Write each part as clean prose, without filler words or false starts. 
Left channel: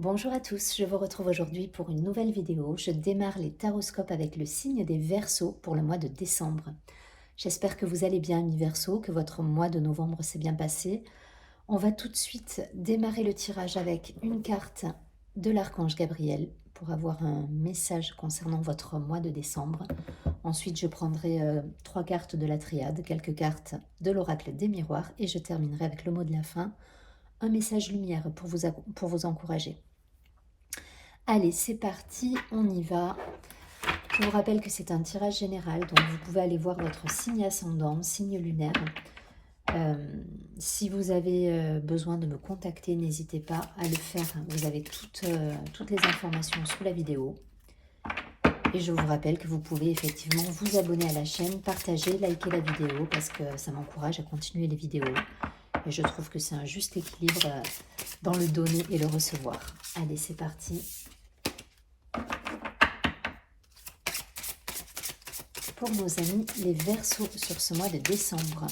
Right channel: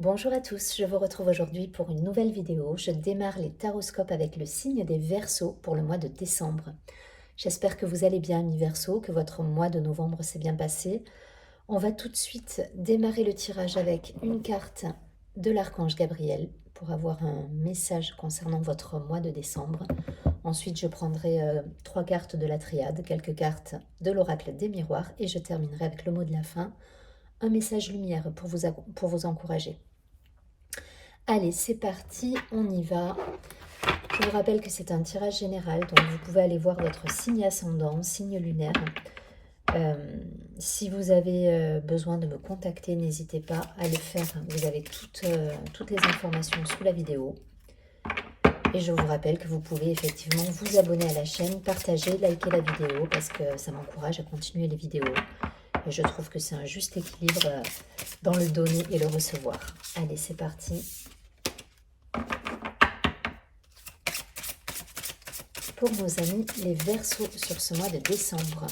Bonjour à tous, je vous retrouve aujourd'hui pour une nouvelle vidéo. Je démarre les taroscopes avec le signe des Verseaux pour le mois de décembre. J'espère que vous allez bien, mes Verseaux, que votre mois de novembre s'est bien passé. On va tout de suite démarrer le tirage avec une carte de l'archange Gabriel pour avoir un message concernant votre mois de décembre. Ensuite, je prendrai 3 cartes de la triade, quelques cartes de l'oracle des miroirs et je terminerai avec le mot de la fin, un message lumière pour vous encourager. Allez, c'est parti, on y va. Je vous rappelle que c'est un tirage général, donc vous pouvez aller voir votre signe ascendant, signe lunaire. Si vous avez besoin de me contacter, n'hésitez pas à le faire. Vous avez toutes les informations sous la vidéo. Et je vous rappelle que vous pouvez effectivement vous abonner à la chaîne, partager, liker la vidéo parce que ça m'encourage à continuer les vidéos. Et je trouve que c'est un juste équilibre dans le donner et le recevoir. Allez, c'est parti. Pour nos amis les Verseaux sur ce mois de décembre.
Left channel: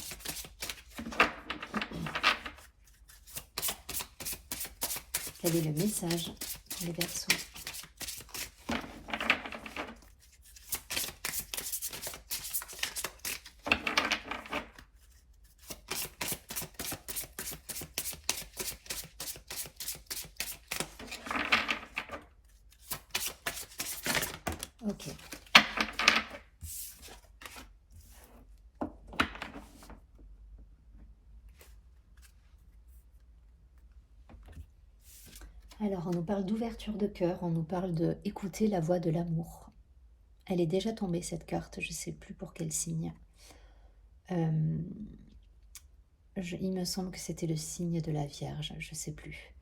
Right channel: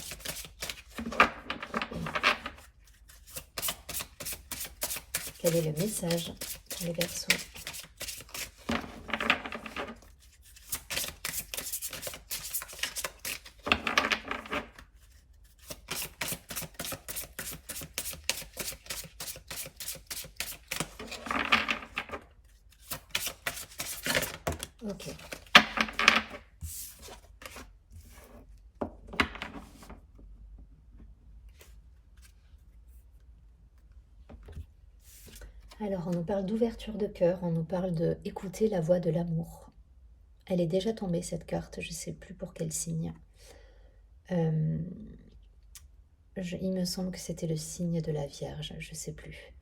Quel est le message pour les Verseaux? Ok. Alors, on nous parle d'ouverture de cœur, on nous parle de écouter la voix de l'amour. Elle est déjà tombée, cette carte, je ne sais plus pour quel signe. Il me semble que c'était le signe de la Vierge, je ne sais plus.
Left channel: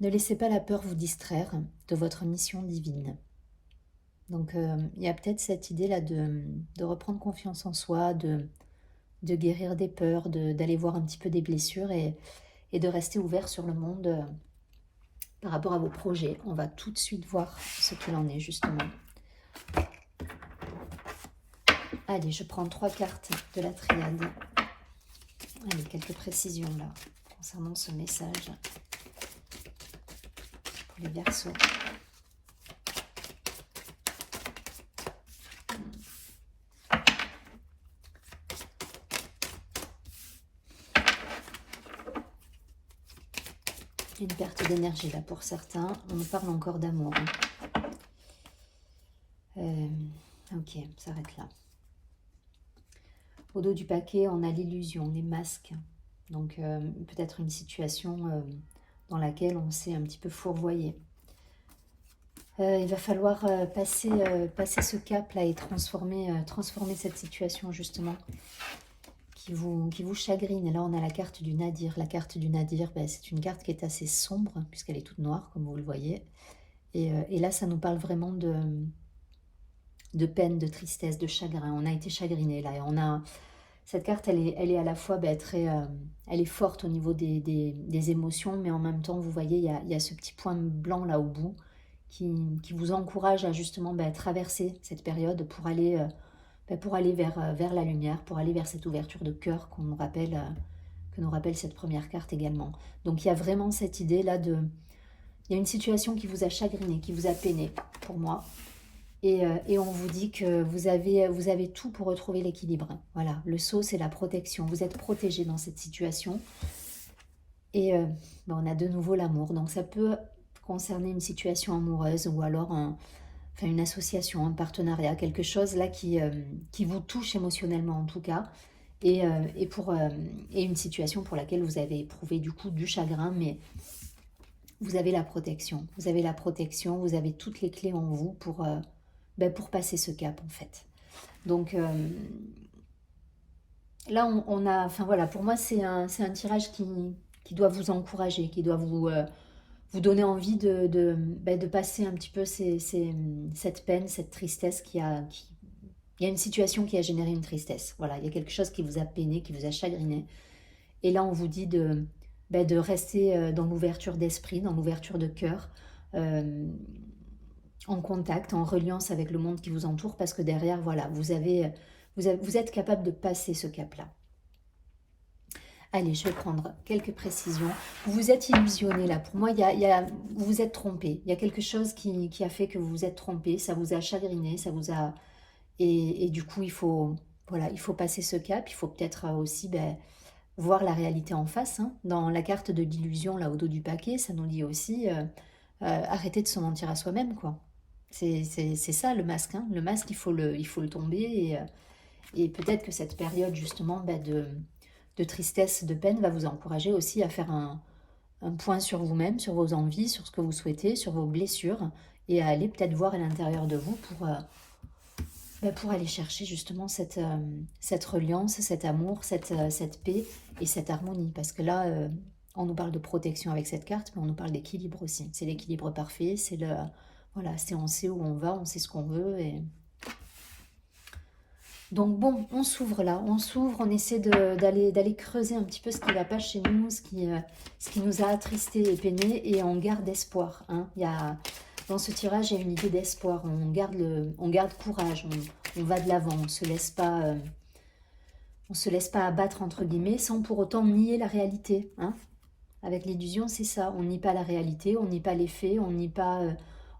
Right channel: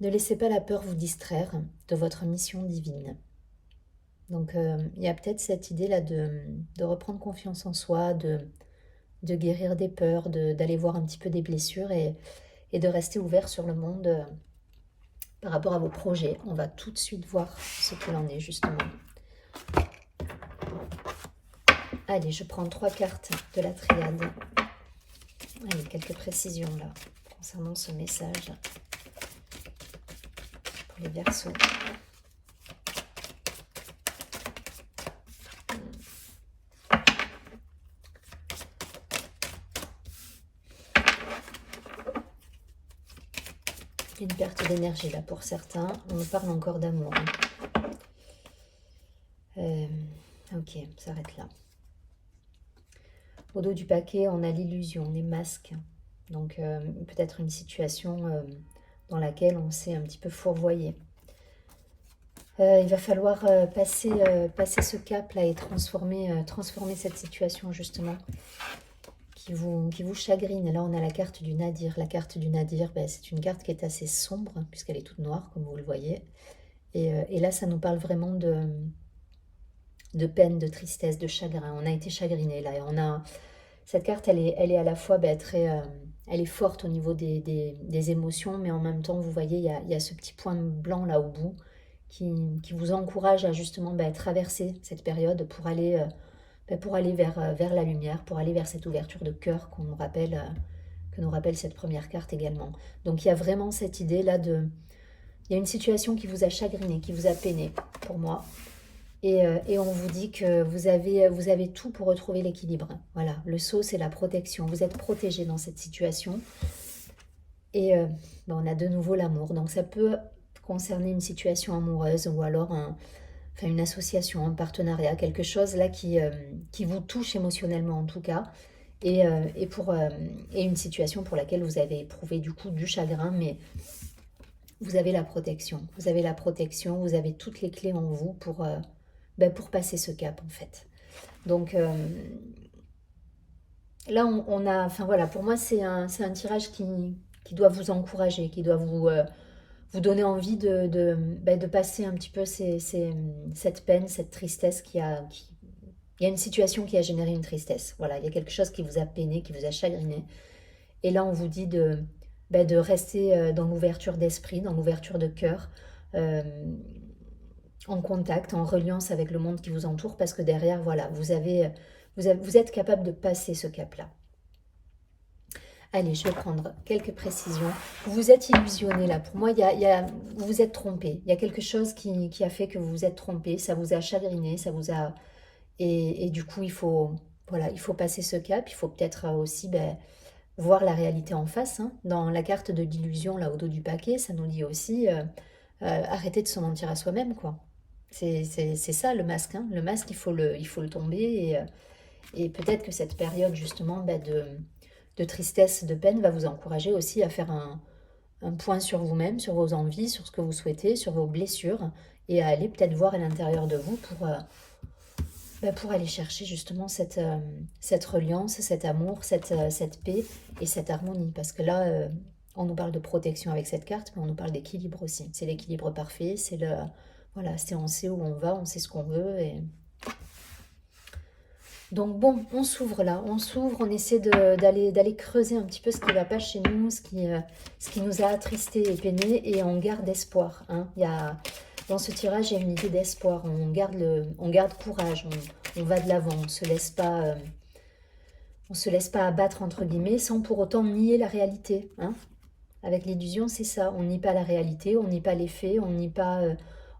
Ne laissez pas la peur vous distraire de votre mission divine. Donc, il y a peut-être cette idée-là de reprendre confiance en soi, de guérir des peurs, d'aller voir un petit peu des blessures et de rester ouvert sur le monde par rapport à vos projets. On va tout de suite voir ce qu'il en est justement. Allez, je prends 3 cartes de la triade. Allez, quelques précisions là concernant ce message pour les Verseaux. Une perte d'énergie là pour certains. On nous parle encore d'amour. Ok, ça s'arrête là. Au dos du paquet, on a l'illusion, les masques. Donc peut-être une situation dans laquelle on s'est un petit peu fourvoyé. Il va falloir passer ce cap là et transformer cette situation justement qui vous chagrine. Là on a la carte du Nadir. La carte du Nadir, ben, c'est une carte qui est assez sombre puisqu'elle est toute noire comme vous le voyez. Et là ça nous parle vraiment de peine, de tristesse, de chagrin. On a été chagriné là et on a... Cette carte, elle est à la fois très... elle est forte au niveau des émotions, mais en même temps, vous voyez, il y a ce petit point blanc là au bout qui vous encourage à justement traverser cette période pour aller vers la lumière, pour aller vers cette ouverture de cœur que nous rappelle cette première carte également. Donc il y a vraiment cette idée là de... Il y a une situation qui vous a chagriné, qui vous a peiné, pour moi. Et on vous dit que vous avez tout pour retrouver l'équilibre. Voilà, le sceau, c'est la protection. Vous êtes protégé dans cette situation. Et on a de nouveau l'amour. Donc ça peut concerner une situation amoureuse ou alors une association, un partenariat, quelque chose là qui vous touche émotionnellement en tout cas. Et une situation pour laquelle vous avez éprouvé du coup du chagrin, mais vous avez la protection. Vous avez la protection, vous avez toutes les clés en vous pour passer ce cap en fait. Donc là on a, enfin voilà, pour moi c'est un tirage qui doit vous encourager, qui doit vous donner envie de passer un petit peu cette peine, cette tristesse il y a une situation qui a généré une tristesse. Voilà, il y a quelque chose qui vous a peiné, qui vous a chagriné. Et là on vous dit de rester dans l'ouverture d'esprit, dans l'ouverture de cœur, en contact, en reliance avec le monde qui vous entoure, parce que derrière, voilà, vous êtes capable de passer ce cap-là. Allez, je vais prendre quelques précisions. Vous vous êtes illusionné là. Pour moi, vous vous êtes trompé. Il y a quelque chose qui a fait que vous vous êtes trompé. Ça vous a chagriné, ça vous a... Et du coup, voilà, il faut passer ce cap. Il faut peut-être aussi voir la réalité en face. Hein. Dans la carte de l'illusion, là, au dos du paquet, ça nous dit aussi arrêter de se mentir à soi-même, quoi. C'est ça le masque. Hein. Le masque, il faut le tomber. Et peut-être que cette période, justement, de tristesse, de peine, va vous encourager aussi à faire un point sur vous-même, sur vos envies, sur ce que vous souhaitez, sur vos blessures, et à aller peut-être voir à l'intérieur de vous pour aller chercher justement cette reliance, cet amour, cette paix et cette harmonie. Parce que là, on nous parle de protection avec cette carte, mais on nous parle d'équilibre aussi. C'est l'équilibre parfait, voilà, on sait où on va, on sait ce qu'on veut. Donc bon, on s'ouvre là, on essaie d'aller creuser un petit peu ce qui ne va pas chez nous, ce qui nous a attristés et peinés, et on garde espoir. Hein. Dans ce tirage, il y a une idée d'espoir, on garde courage, on va de l'avant, on se laisse pas abattre entre guillemets, sans pour autant nier la réalité. Hein. Avec l'illusion, c'est ça, on nie pas la réalité, on nie pas les faits,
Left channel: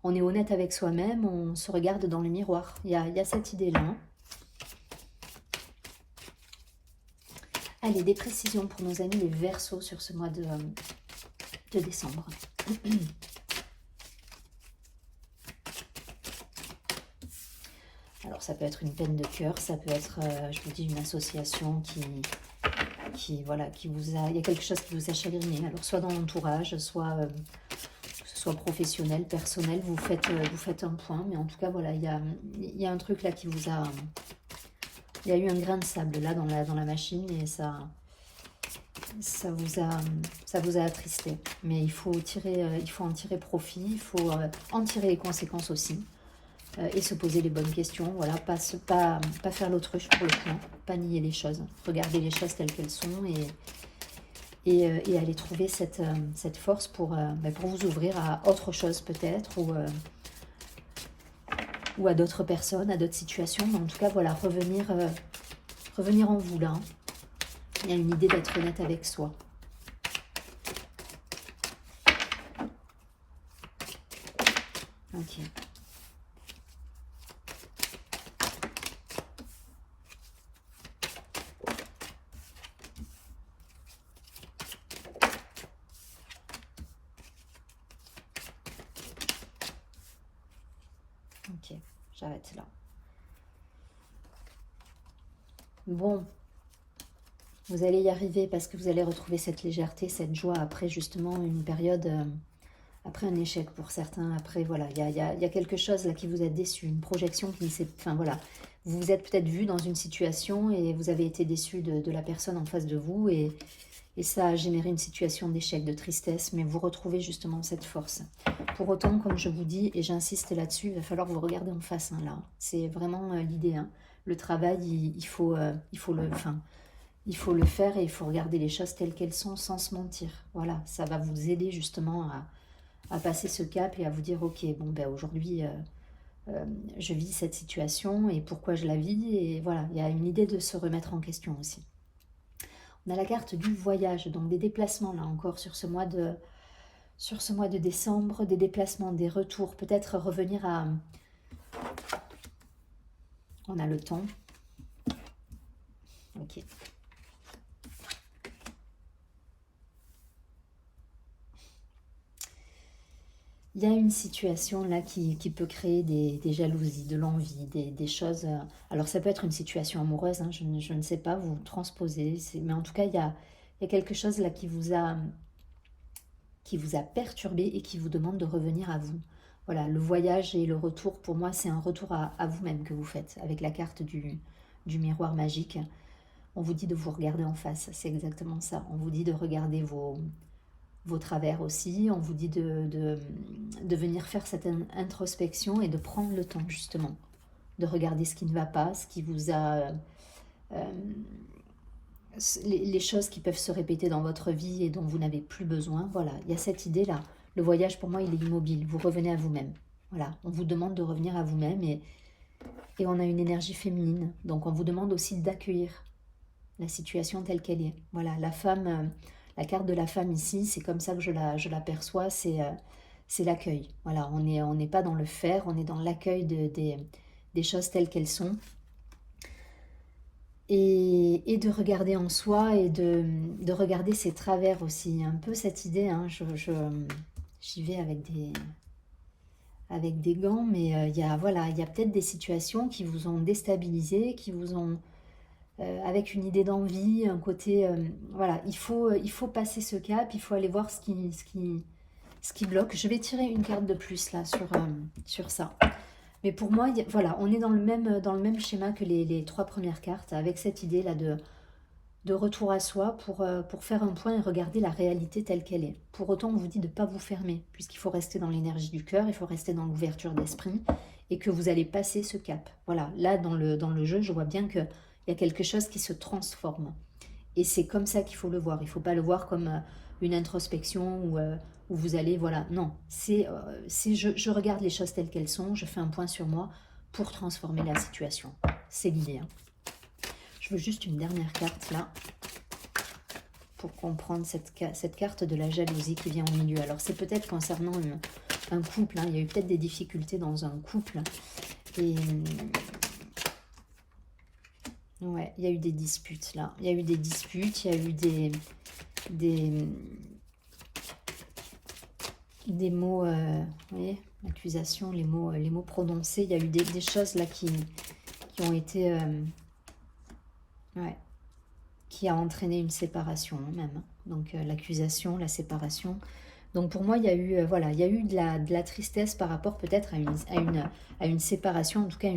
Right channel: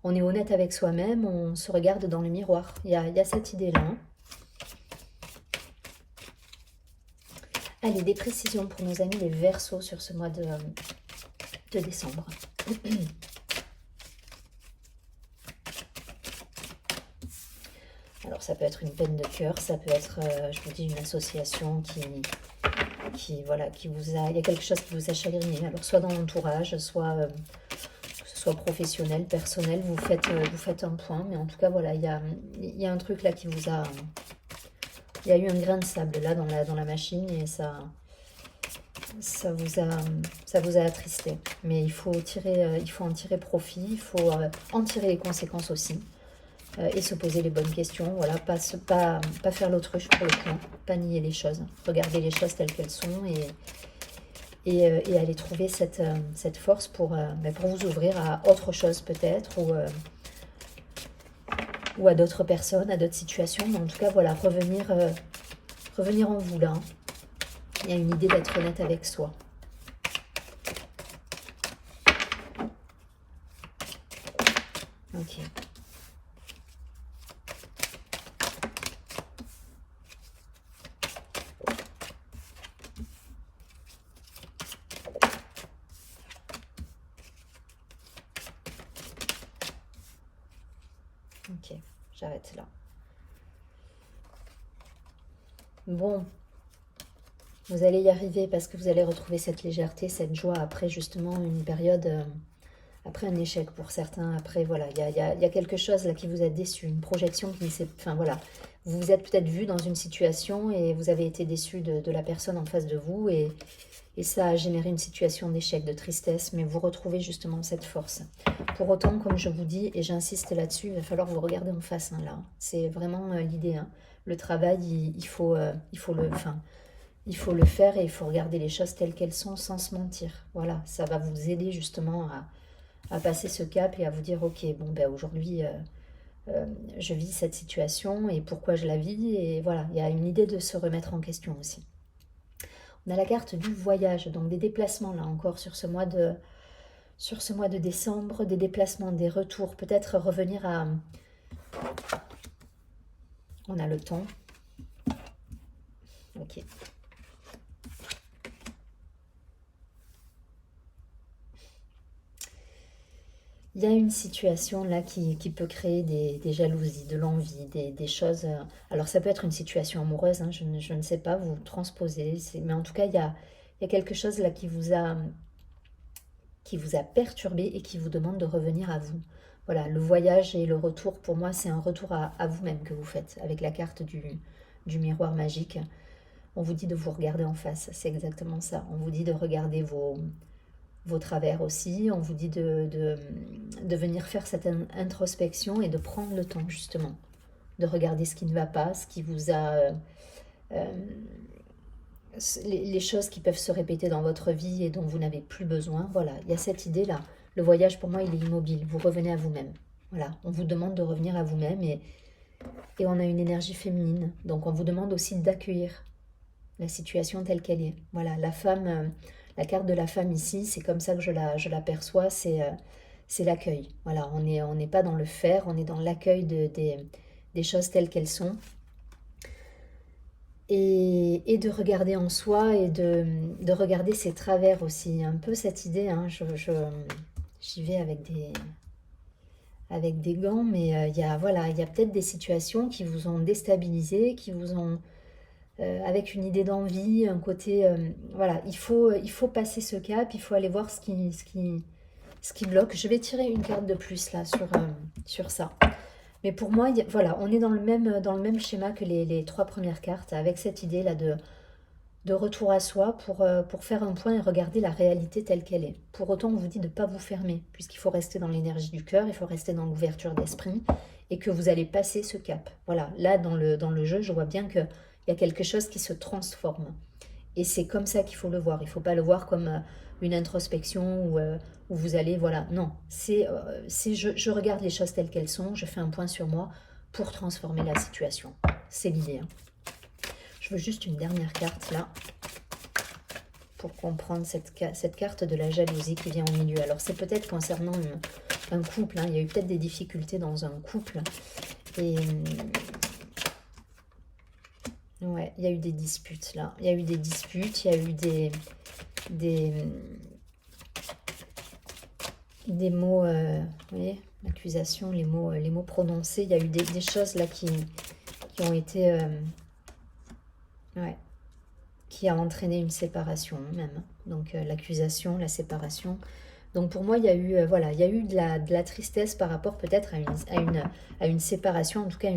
on est honnête avec soi-même, on se regarde dans le miroir. Il y a cette idée-là. Hein. Allez, des précisions pour nos amis les Verseaux sur ce mois de décembre. Alors, ça peut être une peine de cœur, ça peut être, je vous dis, une association il y a quelque chose qui vous a chagriné. Alors, soit dans l'entourage, soit que ce soit professionnel, personnel, vous faites un point. Mais en tout cas, voilà, il y a un truc là qui vous a... Il y a eu un grain de sable là dans la machine et ça vous a attristé. Mais il faut en tirer profit, il faut en tirer les conséquences aussi et se poser les bonnes questions. Voilà, pas faire l'autruche pour le point, pas nier les choses, regarder les choses telles qu'elles sont et aller trouver cette force pour vous ouvrir à autre chose peut-être ou à d'autres personnes, à d'autres situations. Mais en tout cas, voilà, revenir en vous là. Il y a une idée d'être honnête avec soi. Ok. Ok, j'arrête là. Bon, vous allez y arriver parce que vous allez retrouver cette légèreté, cette joie après justement une période, après un échec pour certains. Après, voilà, il y a quelque chose là qui vous a déçu, une projection qui s'est... Enfin, voilà, vous vous êtes peut-être vu dans une situation et vous avez été déçu de la personne en face de vous et ça a généré une situation d'échec, de tristesse, mais vous retrouvez justement cette force. Pour autant, comme je vous dis, et j'insiste là-dessus, il va falloir vous regarder en face, hein, là. C'est vraiment l'idée. Hein. Le travail, il faut le faire et il faut regarder les choses telles qu'elles sont sans se mentir. Voilà, ça va vous aider justement à passer ce cap et à vous dire, ok, bon, ben aujourd'hui, je vis cette situation et pourquoi je la vis. Et voilà, il y a une idée de se remettre en question aussi. On a la carte du voyage, donc des déplacements là encore sur ce mois de décembre, des déplacements, des retours, peut-être revenir à... On a le temps. Ok. Il y a une situation là qui peut créer des jalousies, de l'envie, des choses... Alors ça peut être une situation amoureuse, hein, je ne sais pas, vous transposez, mais en tout cas il y a quelque chose là qui vous a perturbé et qui vous demande de revenir à vous. Voilà, le voyage et le retour, pour moi, c'est un retour à vous-même que vous faites avec la carte du miroir magique. On vous dit de vous regarder en face, c'est exactement ça. On vous dit de regarder vos travers aussi. On vous dit de venir faire cette introspection et de prendre le temps, justement, de regarder ce qui ne va pas, ce qui vous a... les choses qui peuvent se répéter dans votre vie et dont vous n'avez plus besoin. Voilà, il y a cette idée-là. Le voyage, pour moi, il est immobile. Vous revenez à vous-même. Voilà, on vous demande de revenir à vous-même et on a une énergie féminine. Donc, on vous demande aussi d'accueillir la situation telle qu'elle est. Voilà, la femme, la carte de la femme ici, c'est comme ça que je la perçois, c'est l'accueil. Voilà, on n'est pas dans le faire, on est dans l'accueil des choses telles qu'elles sont. Et de regarder en soi et de regarder ses travers aussi. Un peu cette idée, hein, j'y vais avec des gants, mais il y a, voilà, il y a peut-être des situations qui vous ont déstabilisé, qui vous ont, avec une idée d'envie, un côté, voilà, il faut passer ce cap, il faut aller voir ce qui bloque. Je vais tirer une carte de plus là sur ça. Mais pour moi, voilà, on est dans le même schéma que les trois premières cartes, avec cette idée-là de retour à soi pour faire un point et regarder la réalité telle qu'elle est. Pour autant, on vous dit de ne pas vous fermer, puisqu'il faut rester dans l'énergie du cœur, il faut rester dans l'ouverture d'esprit, et que vous allez passer ce cap. Voilà, là, dans le jeu, je vois bien qu'il y a quelque chose qui se transforme. Et c'est comme ça qu'il faut le voir. Il ne faut pas le voir comme une introspection où vous allez, voilà, non. Je regarde les choses telles qu'elles sont, je fais un point sur moi pour transformer la situation. C'est l'idée. Hein. Je veux juste une dernière carte là pour comprendre cette carte de la jalousie qui vient au milieu. Alors c'est peut-être concernant un couple, hein. Il y a eu peut-être des difficultés dans un couple et ouais, il y a eu des disputes là. Il y a eu des disputes, il y a eu des mots, vous voyez, l'accusation, les mots prononcés. Il y a eu des choses là qui ont été, ouais, qui a entraîné une séparation hein, même. Donc l'accusation, la séparation. Donc pour moi, il y a eu, voilà, il y a eu de la tristesse par rapport peut-être à une séparation, en tout cas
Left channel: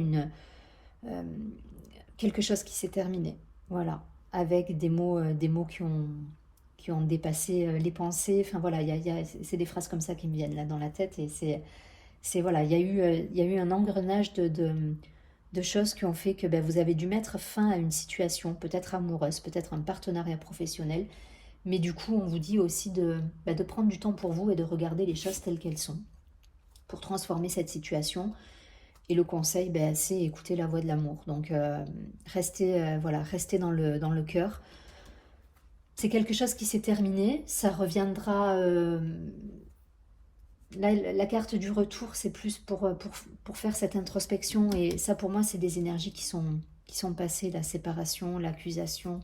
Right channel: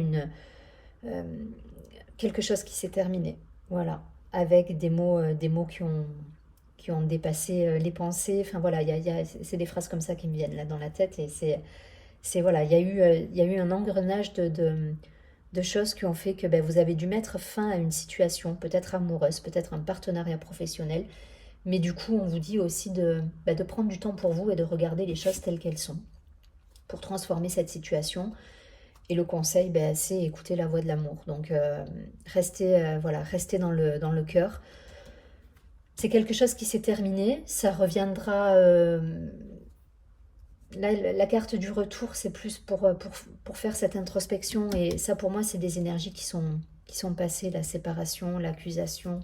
quelque chose qui s'est terminé. Voilà, avec des mots qui ont dépassé les pensées. Enfin voilà, c'est des phrases comme ça qui me viennent là dans la tête et voilà, il y a eu un engrenage de choses qui ont fait que vous avez dû mettre fin à une situation, peut-être amoureuse, peut-être un partenariat professionnel, mais du coup, on vous dit aussi de prendre du temps pour vous et de regarder les choses telles qu'elles sont, pour transformer cette situation. Et le conseil, c'est écouter la voix de l'amour. Donc, restez, voilà, restez dans le cœur. C'est quelque chose qui s'est terminé, ça reviendra... la carte du retour, c'est plus pour faire cette introspection. Et ça, pour moi, c'est des énergies qui sont passées, la séparation, l'accusation.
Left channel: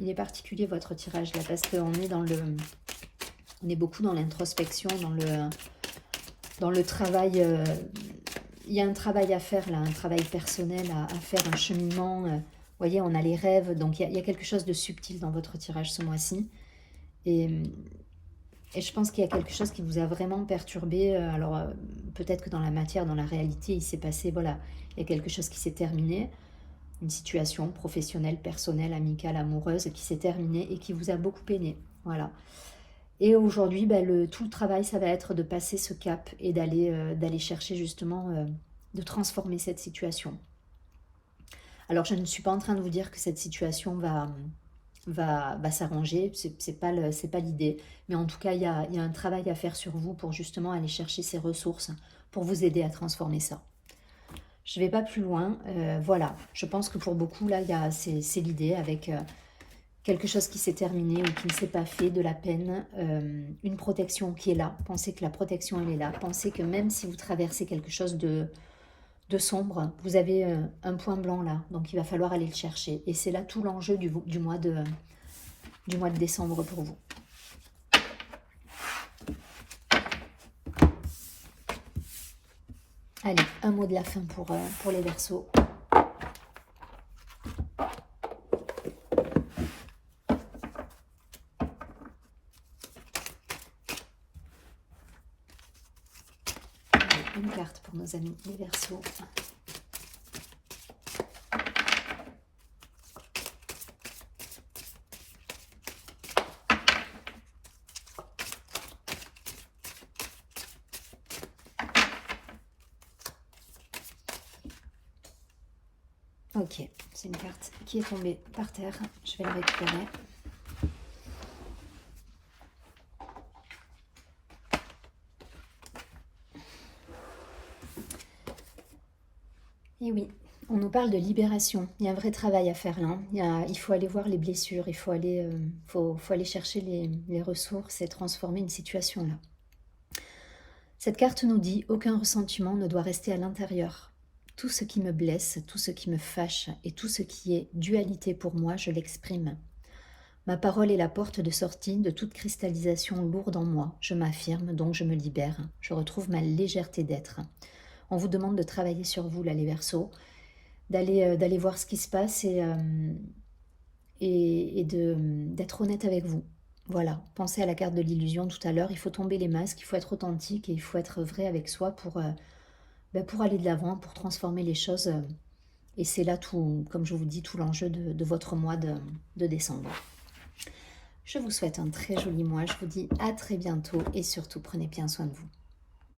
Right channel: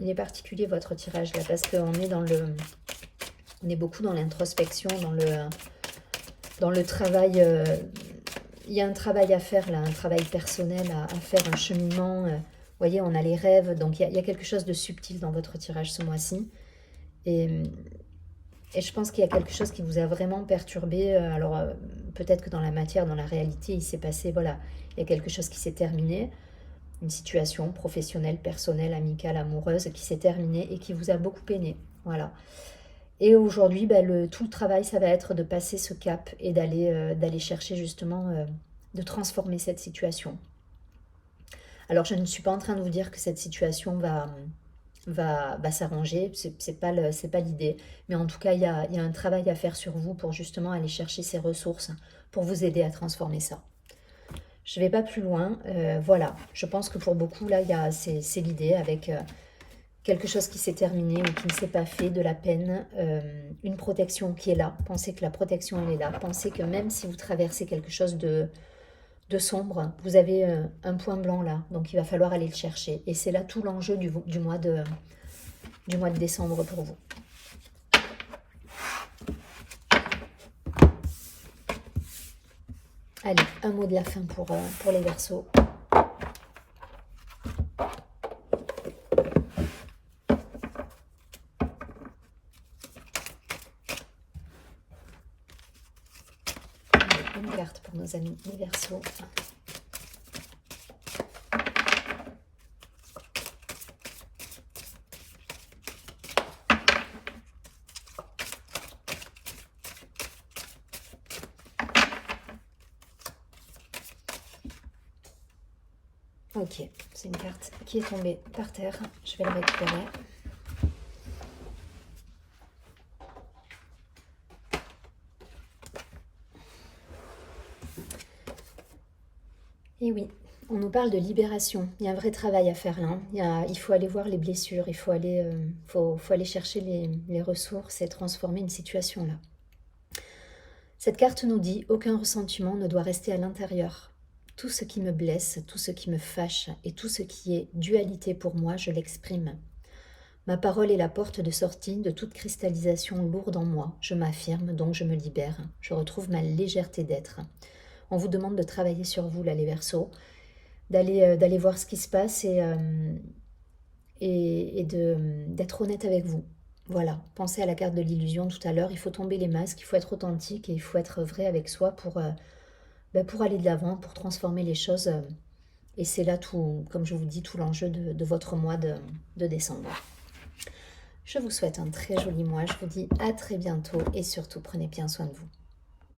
Il est particulier, votre tirage, là, parce qu'on est on est beaucoup dans l'introspection, dans le travail. Il y a un travail à faire, là, un travail personnel à faire, un cheminement. Vous voyez, on a les rêves. Donc, il y a quelque chose de subtil dans votre tirage ce mois-ci. Et je pense qu'il y a quelque chose qui vous a vraiment perturbé. Alors, peut-être que dans la matière, dans la réalité, il s'est passé, voilà, il y a quelque chose qui s'est terminé. Une situation professionnelle, personnelle, amicale, amoureuse qui s'est terminée et qui vous a beaucoup peiné. Voilà. Et aujourd'hui, tout le travail, ça va être de passer ce cap et d'aller chercher justement, de transformer cette situation. Alors, je ne suis pas en train de vous dire que cette situation va s'arranger, c'est pas l'idée, mais en tout cas il y a un travail à faire sur vous pour justement aller chercher ces ressources pour vous aider à transformer ça. Je ne vais pas plus loin, voilà, je pense que pour beaucoup là c'est l'idée avec quelque chose qui s'est terminé ou qui ne s'est pas fait, de la peine, une protection qui est là, pensez que la protection elle est là, pensez que même si vous traversez quelque chose de sombre, vous avez un point blanc là, donc il va falloir aller le chercher. Et c'est là tout l'enjeu du mois de décembre pour vous. Allez, un mot de la fin pour les Verseaux. Une carte pour nos amis les Verseaux. Ok, c'est une carte qui est tombée par terre. Je vais la récupérer. Et oui, On nous parle de libération. Il y a un vrai travail à faire là. Il faut aller voir les blessures, il faut aller, faut aller chercher les ressources et transformer une situation là. Cette carte nous dit, aucun ressentiment ne doit rester à l'intérieur. Tout ce qui me blesse, tout ce qui me fâche et tout ce qui est dualité pour moi, je l'exprime. Ma parole est la porte de sortie de toute cristallisation lourde en moi. Je m'affirme, donc je me libère. Je retrouve ma légèreté d'être. On vous demande de travailler sur vous, là, les Verseaux, d'aller voir ce qui se passe et d'être honnête avec vous. Voilà, pensez à la carte de l'illusion tout à l'heure. Il faut tomber les masques, il faut être authentique et il faut être vrai avec soi pour aller de l'avant, pour transformer les choses. Et c'est là tout, comme je vous dis, tout l'enjeu de votre mois de décembre. Je vous souhaite un très joli mois. Je vous dis à très bientôt et surtout prenez bien soin de vous.